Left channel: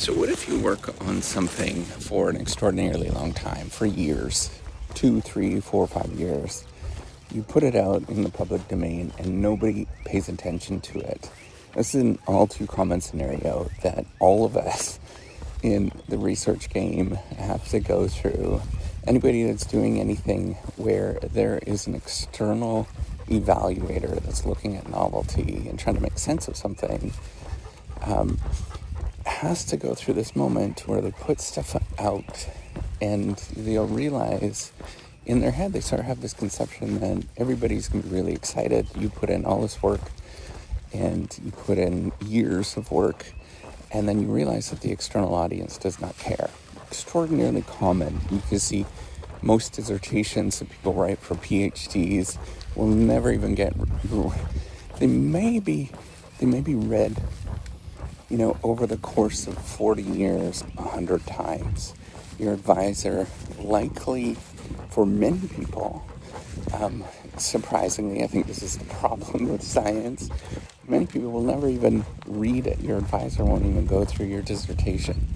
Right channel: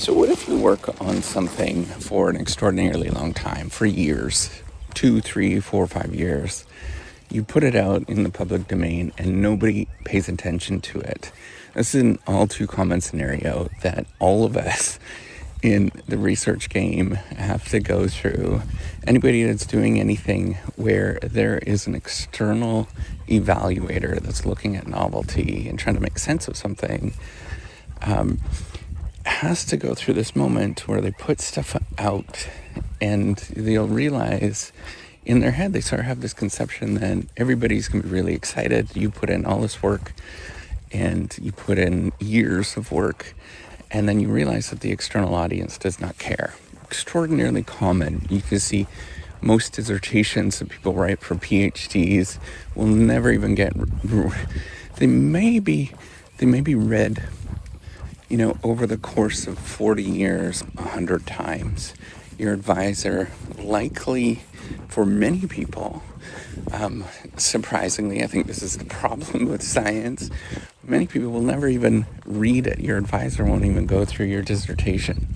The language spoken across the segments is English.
So what if you work on something for an extraordinarily long time, for years, 2, 3, 4, 5 years, you put it out in the public domain and nobody pays attention to it. This is an all too common scenario that all of us in the research game have to go through. Anybody that's doing anything where there is an external evaluator that's looking at novelty and trying to make sense of something has to go through this moment where they put stuff out and they'll realize in their head, they sort of have this conception that everybody's going to be really excited. You put in all this work and you put in years of work, and then you realize that the external audience does not care. Extraordinarily common. You can see most dissertations that people write for PhDs will never even get, they may be read, over the course of 40 years, 100 times. Your advisor likely, for many people, surprisingly, I think this is the problem with science, many people will never even read it. Your advisor won't even go through your dissertation.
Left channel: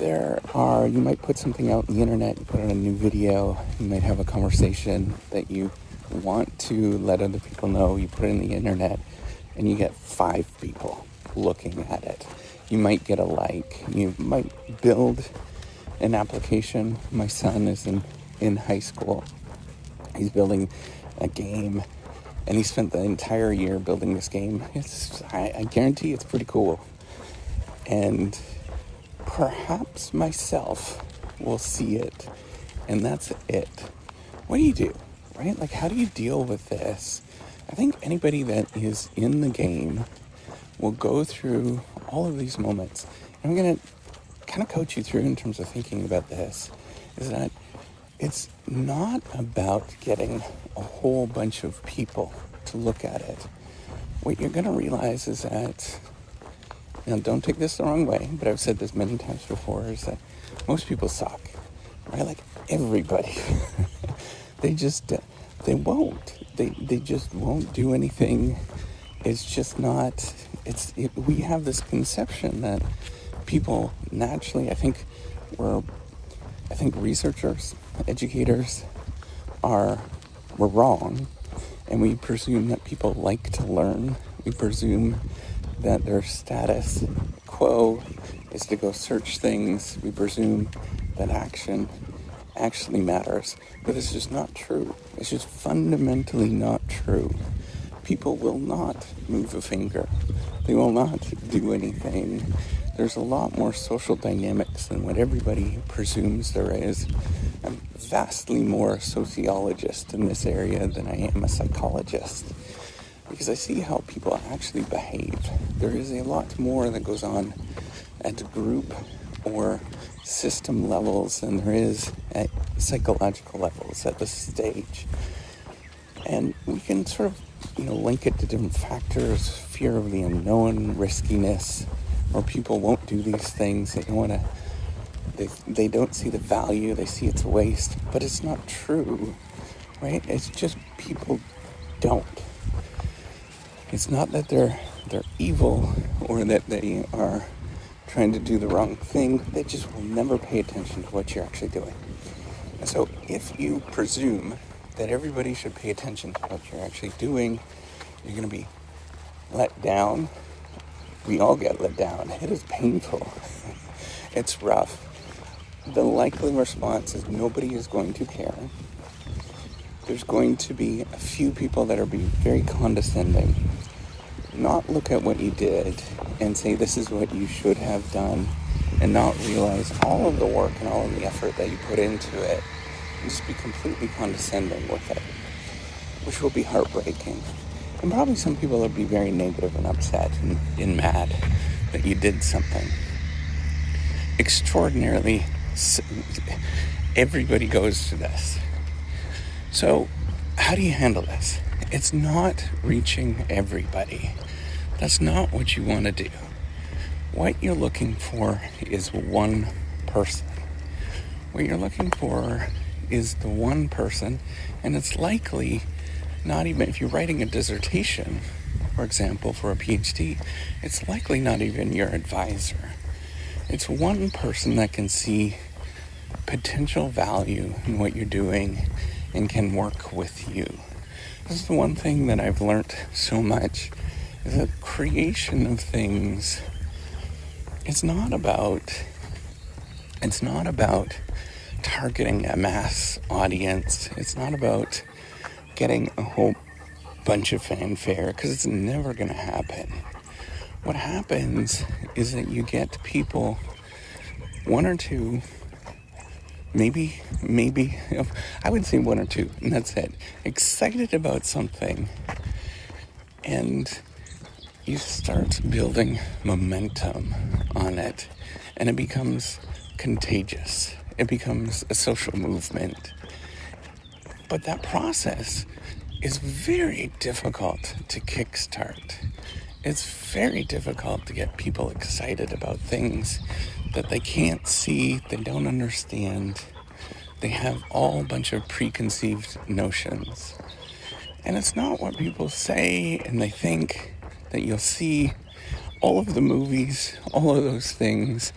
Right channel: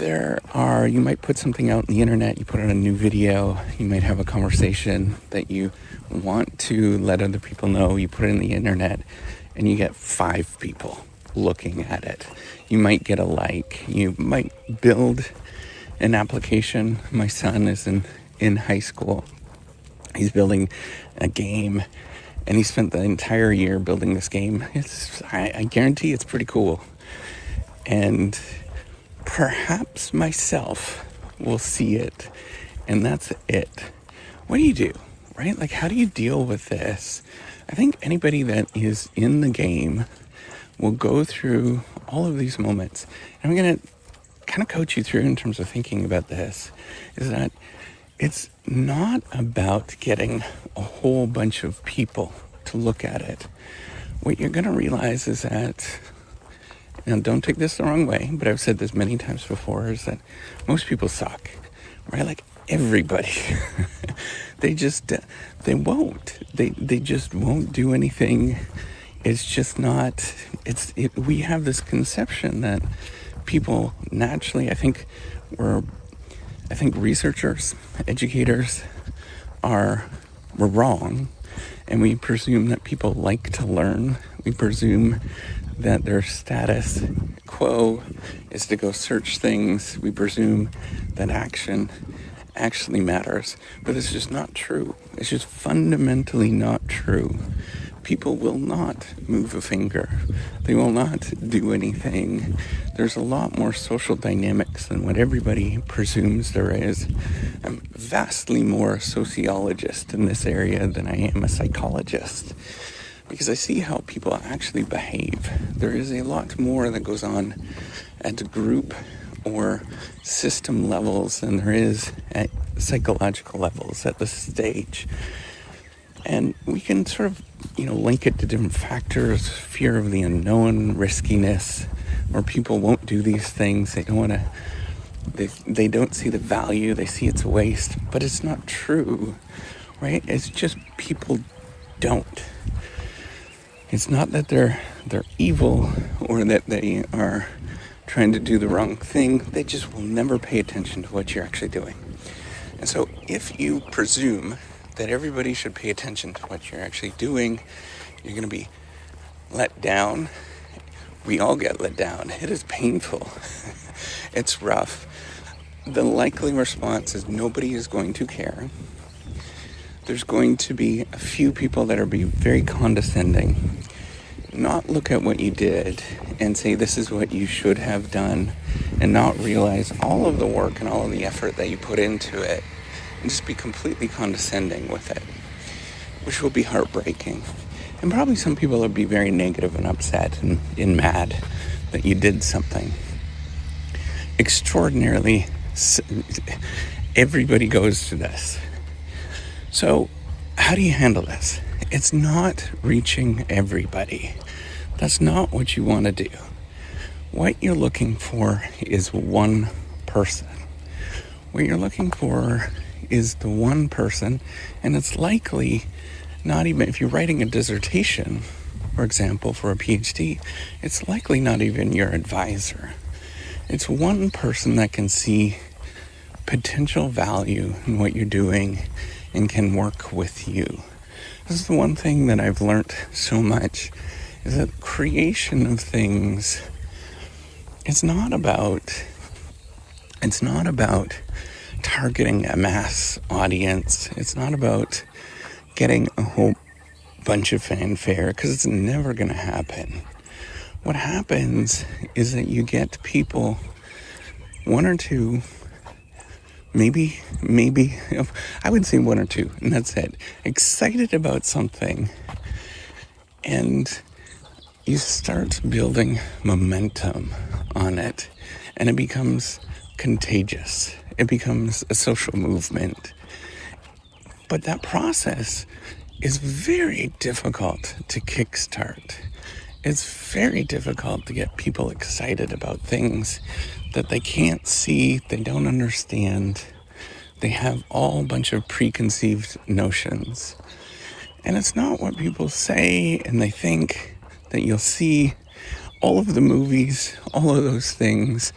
You might put something out on the internet, you put on a new video, you might have a conversation that you want to let other people know, you put it on the internet, and you get 5 people looking at it. You might get a like, you might build an application. My son is in high school. He's building a game, and he spent the entire year building this game. I guarantee it's pretty cool. And perhaps myself will see it, and that's it. What do you do, right? Like, how do you deal with this? I think anybody that is in the game will go through all of these moments. And I'm going to kind of coach you through in terms of thinking about this, is that it's not about getting a whole bunch of people to look at it. What you're going to realize is that, and don't take this the wrong way, but I've said this many times before, is that most people suck, right? Like everybody. They just won't do anything. It's just not, we have this conception that people naturally, I think researchers, educators we're wrong, and we presume that people like to learn. We presume that their status quo is to go search things. We presume that action actually matters, but it's just not true. It's just fundamentally not true. People will not move a finger. They will not do anything. There's a lot more social dynamics than what everybody presumes there is. I'm vastly more a sociologist in this area than I am a psychologist, because I see how people actually behave. There is a lot more that goes on at group or system levels than there is at psychological levels at this stage. And we can sort of, link it to different factors, fear of the unknown, riskiness, where people won't do these things. They don't want to, they don't see the value, they see it's a waste, but it's not true, right? It's just people don't. It's not that they're evil or that they are trying to do the wrong thing. They just will never pay attention to what you're actually doing. And so if you presume that everybody should pay attention to what you're actually doing, you're going to be let down. We all get let down. It is painful. It's rough. The likely response is nobody is going to care. There's going to be a few people that are being very condescending, not look at what you did and say this is what you should have done, and not realize all of the work and all of the effort that you put into it, and just be completely condescending with it, which will be heartbreaking. And probably some people would be very negative and upset and mad that you did something. Extraordinarily, everybody goes through this. So how do you handle this? It's not reaching everybody. That's not what you want to do. What you're looking for is one person. What you're looking for is the one person, and it's likely not even, if you're writing a dissertation, for example, for a PhD, it's likely not even your advisor. It's one person that can see potential value in what you're doing and can work with you. This is the one thing that I've learned so much, is that creation of things, it's not about targeting a mass audience. It's not about getting a whole bunch of fanfare, because it's never going to happen. What happens is that you get people, one or two, maybe, I would say one or two, and that's it, excited about something, and you start building momentum on it, and it becomes contagious. It becomes a social movement. But that process is very difficult to kickstart. It's very difficult to get people excited about things that they can't see, they don't understand. They have all a bunch of preconceived notions. And it's not what people say and they think that you'll see. All of the movies, all of those things,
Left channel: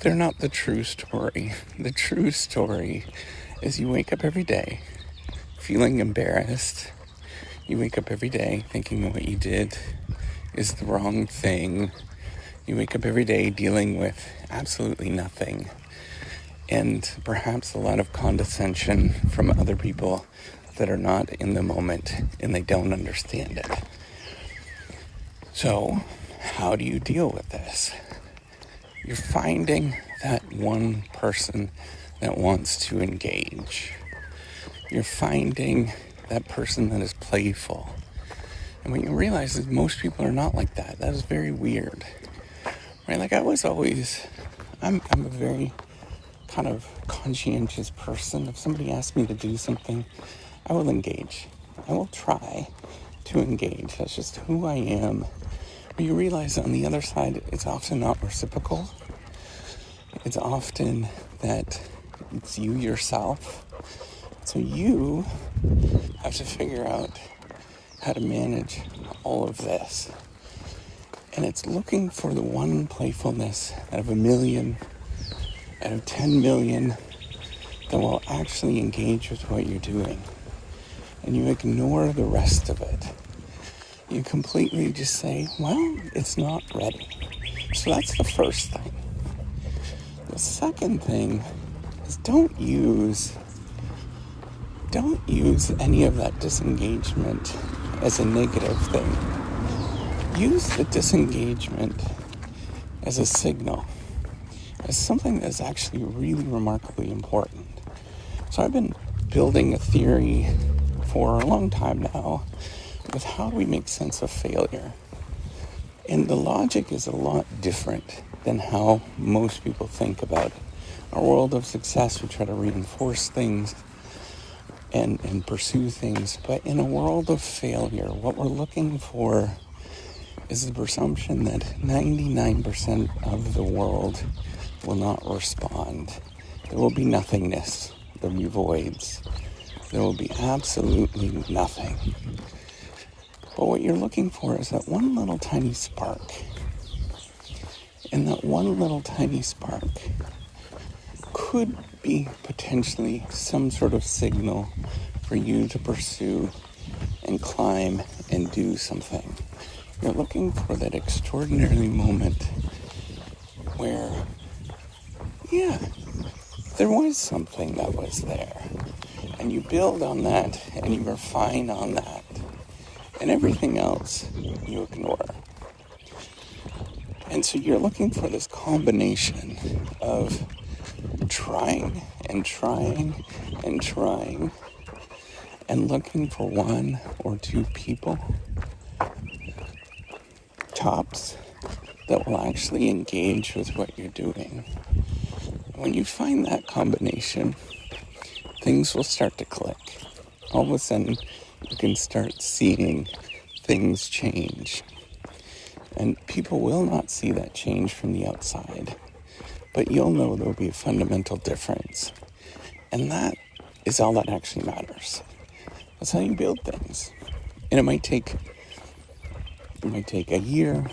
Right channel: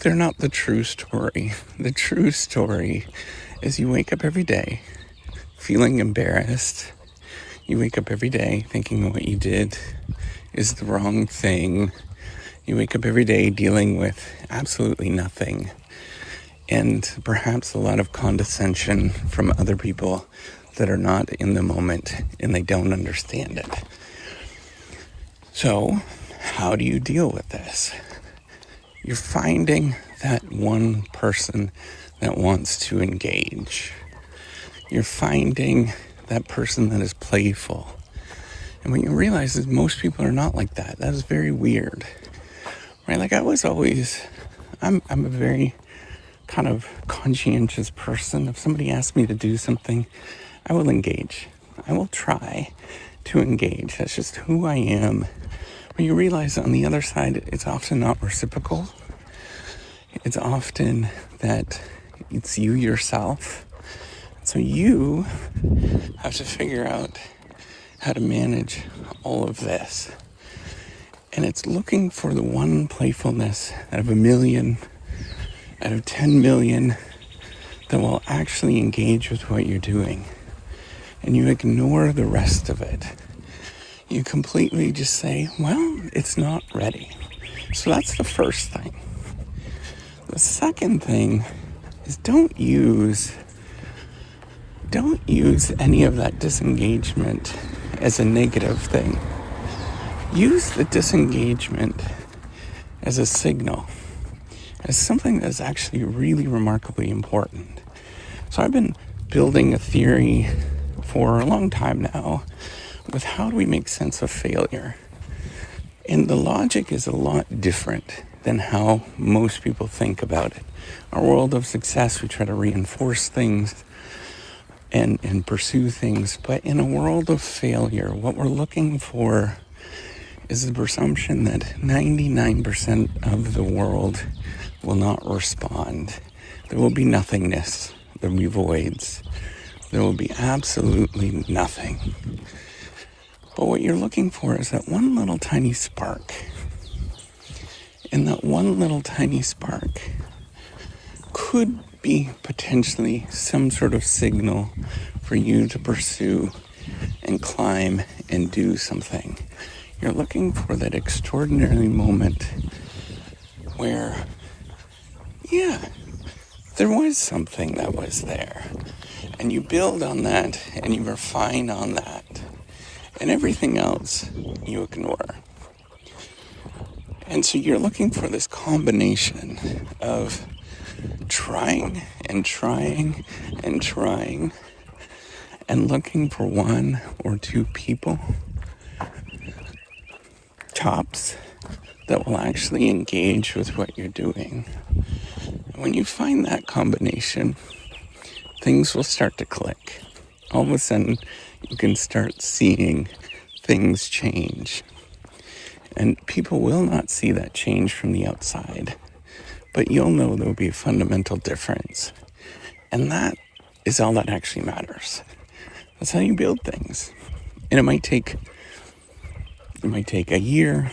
they're not the true story. The true story is you wake up every day feeling embarrassed. You wake up every day thinking what you did is the wrong thing. You wake up every day dealing with absolutely nothing, and perhaps a lot of condescension from other people that are not in the moment and they don't understand it. So, how do you deal with this? You're finding that one person that wants to engage. You're finding that person that is playful. And what you realize is most people are not like that. That was very weird. Right? Like I'm a very kind of conscientious person. If somebody asks me to do something, I will engage. I will try to engage. That's just who I am. But you realize on the other side, it's often not reciprocal. It's often that it's you yourself. So you have to figure out how to manage all of this. And it's looking for the one playfulness out of 1 million, out of 10 million, that will actually engage with what you're doing. And you ignore the rest of it. You completely just say, well, it's not ready. So that's the first thing. The second thing is don't use any of that disengagement as a negative thing. Use the disengagement as a signal, as something that's actually really remarkably important. So I've been building a theory for a long time now with how do we make sense of failure. And the logic is a lot different than how most people think about it. Our world of success, we try to reinforce things and pursue things. But in a world of failure, what we're looking for is the presumption that 99% of the world will not respond. There will be nothingness. There will be voids. There will be absolutely nothing. But what you're looking for is that one little tiny spark. And that one little tiny spark could be potentially some sort of signal for you to pursue and climb and do something. You're looking for that extraordinary moment where, yeah, there was something that was there. And you build on that and you refine on that. And everything else you ignore. And so you're looking for this combination of trying and trying and trying and looking for one or two people, tops, that will actually engage with what you're doing. When you find that combination, things will start to click. All of a sudden, you can start seeing things change. And people will not see that change from the outside. But you'll know there will be a fundamental difference. And that is all that actually matters. That's how you build things. And it might take It might take a year.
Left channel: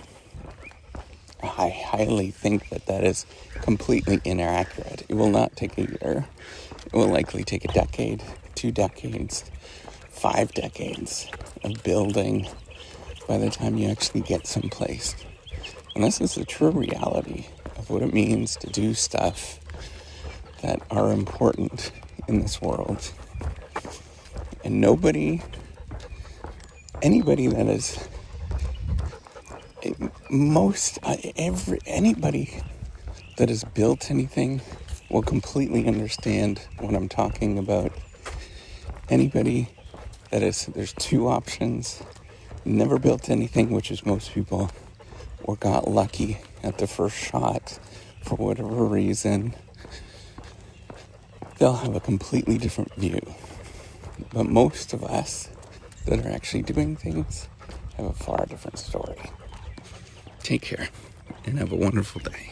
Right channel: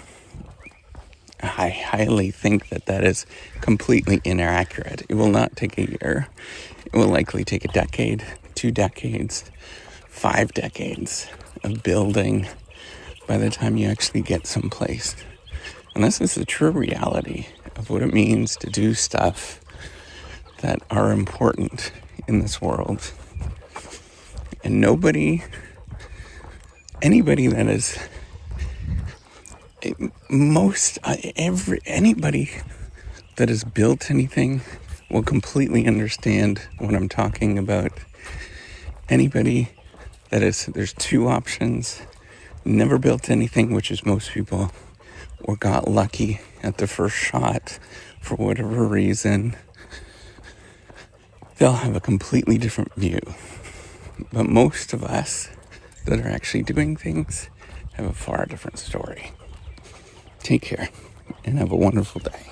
I highly think that that is completely inaccurate. It will not take a year. It will likely take a decade, 2 decades, 5 decades of building by the time you actually get someplace. And this is the true reality of what it means to do stuff that are important in this world. And anybody that is, anybody that has built anything will completely understand what I'm talking about. Anybody that is, there's 2 options: never built anything, which is most people, or got lucky at the first shot for whatever reason. They'll have a completely different view. But most of us that are actually doing things have a far different story. Take care and have a wonderful day.